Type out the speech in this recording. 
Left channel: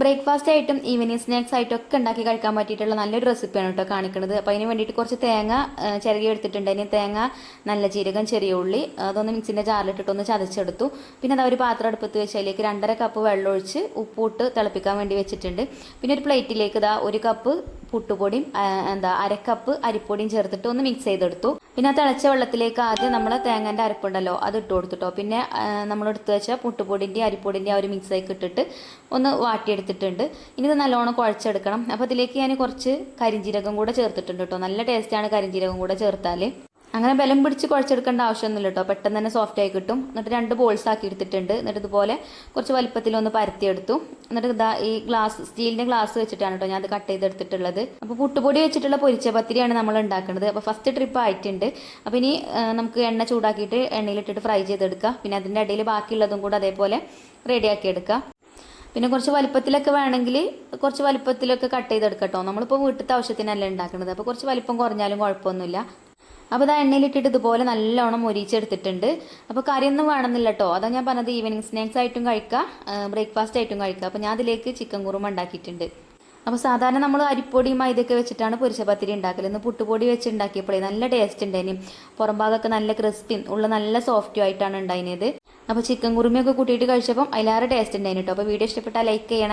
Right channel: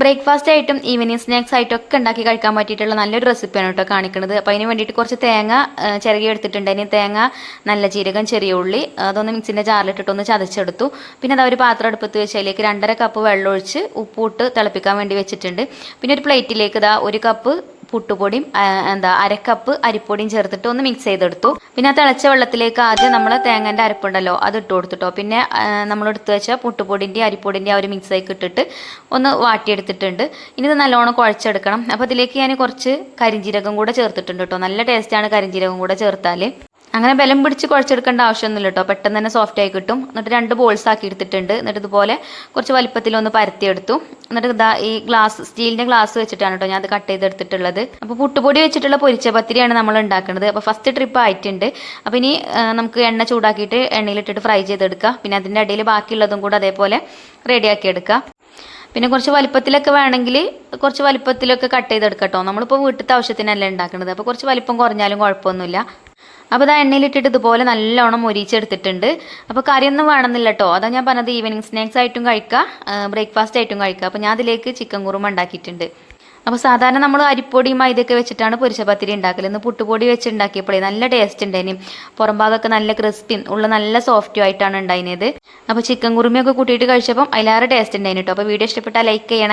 Breakfast ആയിട്ടും evening snacks ആയിട്ടും ഒക്കെ ഉണ്ടാക്കി കഴിക്കാൻ പറ്റിയിട്ടുള്ള നല്ലൊരു റെസിപ്പിയാണ് കേട്ടോ കാണിക്കുന്നത്. അപ്പോൾ അതിന് വേണ്ടിയിട്ട് കുറച്ച് തേങ്ങ ചിരകി എടുത്തിട്ടുണ്ട്. അതിന് തേങ്ങ, നല്ല ജീരകം, ചെറിയ ഉള്ളി അതൊന്ന് മിക്സിൻ്റെ ജാറിലിട്ടിട്ടൊന്ന് ചതച്ചെടുത്തു. പിന്നെ അത് ഒരു പാത്രം അടുപ്പത്ത് വെച്ച് അതിലേക്ക് 2.5 കപ്പ് വെള്ളം ഒഴിച്ച് ഉപ്പിട്ട് തിളപ്പിക്കാൻ വേണ്ടി വെച്ചിട്ടുണ്ട്. പിന്നെ ഒരു പ്ലേറ്റിലേക്ക് ഇതാ 1 കപ്പ് പുട്ടുപൊടിയും 1/2 കപ്പ് അരിപ്പൊടിയും ചേർത്തിട്ട് ഒന്ന് മിക്സ് ചെയ്തെടുത്തു. പിന്നെ ആ തിളച്ച വെള്ളത്തിലേക്ക് ആദ്യം നമ്മൾ തേങ്ങൻ്റെ അരപ്പുണ്ടല്ലോ അത് ഇട്ട് കൊടുത്തിട്ടോ. പിന്നെ നമ്മൾ എടുത്ത് വെച്ച പുട്ടുപൊടിൻ്റെ അരിപ്പൊടിൻ്റെ ആ ഒരു മിക്സായി ഇട്ടിട്ട് ഒന്ന് വാട്ടിയെടുത്തിട്ടുണ്ട്. ഇനി ഇത് നല്ലോണം കുഴച്ചെടുക്കണം. അപ്പോൾ ഇതിലേക്ക് ഞാൻ കുറച്ച് കരിഞ്ജീരകം കൂടെ ചേർത്തിട്ടുണ്ട് കേട്ടോ. നല്ല ടേസ്റ്റാണ് കരിഞ്ജീരകം കൂടെ ചേർത്താൽ. അങ്ങനെ ബലം പിടിച്ച് കുഴച്ചെടുക്കേണ്ട ആവശ്യമൊന്നുമില്ല കേട്ടോ. പെട്ടെന്ന് തന്നെ സോഫ്റ്റ് ആയി കിട്ടും. എന്നിട്ട് 2 ബോൾസ് ആക്കി എടുത്തിട്ടുണ്ട്. എന്നിട്ട് ഇതുപോലെ കുറച്ച് വലിപ്പത്തിലൊന്ന് പരത്തിയെടുത്തു. എന്നിട്ട് ഇതാ ഈ സ്റ്റീലിൻ്റെ ഗ്ലാസ് വെച്ചിട്ടാണ് കേട്ടോ ഞാൻ അത് കട്ട് ചെയ്തെടുത്തിട്ടുള്ളത്. അപ്പോൾ പുട്ടുപൊടി വെച്ചിട്ടുള്ള പൊരിച്ച പത്തിരിയാണ് നമ്മൾ ഉണ്ടാക്കുന്നത്. അപ്പോൾ ഫസ്റ്റ് ട്രിപ്പ് ആയിട്ടുണ്ട്. അപ്പോൾ ഇനി നമുക്ക് എണ്ണ ചൂടാക്കിയിട്ട് എണ്ണയിലിട്ടിട്ട് ഫ്രൈ ചെയ്തെടുക്കുക. പിന്നെ അതിൻ്റെ ഇടയിൽ ബാക്കിയുള്ളതും കൂടെ അതേപോലെ റെഡിയാക്കി എടുക്കുക. പിന്നെ കുറച്ച് വലിപ്പത്തിലൊക്കെ വേണമെങ്കിൽ കുറച്ച് വലിപ്പത്തിലൊക്കെ കട്ട് ചെയ്തെടുക്കാം കേട്ടോ. നമ്മളിപ്പോൾ വീട്ടിലത്തെ ആവശ്യത്തിനല്ല ഉണ്ടാക്കുന്നത്. അപ്പോൾ കുറച്ച് വലിപ്പം കുറഞ്ഞാലും കുഴപ്പമൊന്നുമില്ല. അപ്പോൾ അത് എണ്ണയിലിട്ടിട്ട് ഇതുപോലെ നല്ലോണം മൊരിച്ചെടുത്തിട്ടുണ്ട്. അപ്പോൾ കറിയൊന്നും വേണമെന്നില്ല കേട്ടോ. അതാ ഞാൻ പറഞ്ഞത് ഈവനിങ് സ്നാക്സ് ആയിട്ടും കഴിക്കാം, ബ്രേക്ക്ഫാസ്റ്റ് ആയിട്ടും കഴിക്കാം. അപ്പോൾ ഞാൻ അതിലേക്ക് ചിക്കൻ കുറുമ ഉണ്ടാക്കിയിട്ടുണ്ട്. അപ്പോൾ സാധാരണ നമ്മൾ അരിപ്പൊടിയും മൈദയൊക്കെ വെച്ചിട്ടാണ് പൊരിച്ച പത്തിരി ഉണ്ടാക്കൽ. ഇന്ന് പുട്ടുപൊടി വെച്ച് ഉണ്ടാക്കിയപ്പോഴേ നല്ല ടേസ്റ്റ് ഉണ്ടായിന്. പുറം ഭാഗമൊക്കെ നല്ല ക്രിസ്പിയും ഉള്ള നല്ല സോഫ്റ്റും ആയിട്ടാണ് ഉണ്ടായിരുന്നത്. അപ്പോൾ ചിക്കൻ കുറുമയൊക്കെ കൂട്ടിയിട്ട് കഴിച്ചപ്പം അതിലേറെ ടേസ്റ്റ് ഉണ്ടായിരുന്നു കേട്ടോ. അപ്പോൾ വീഡിയോ ഇഷ്ടപ്പെട്ടാൽ ലൈക്ക് ചെയ്യണേ.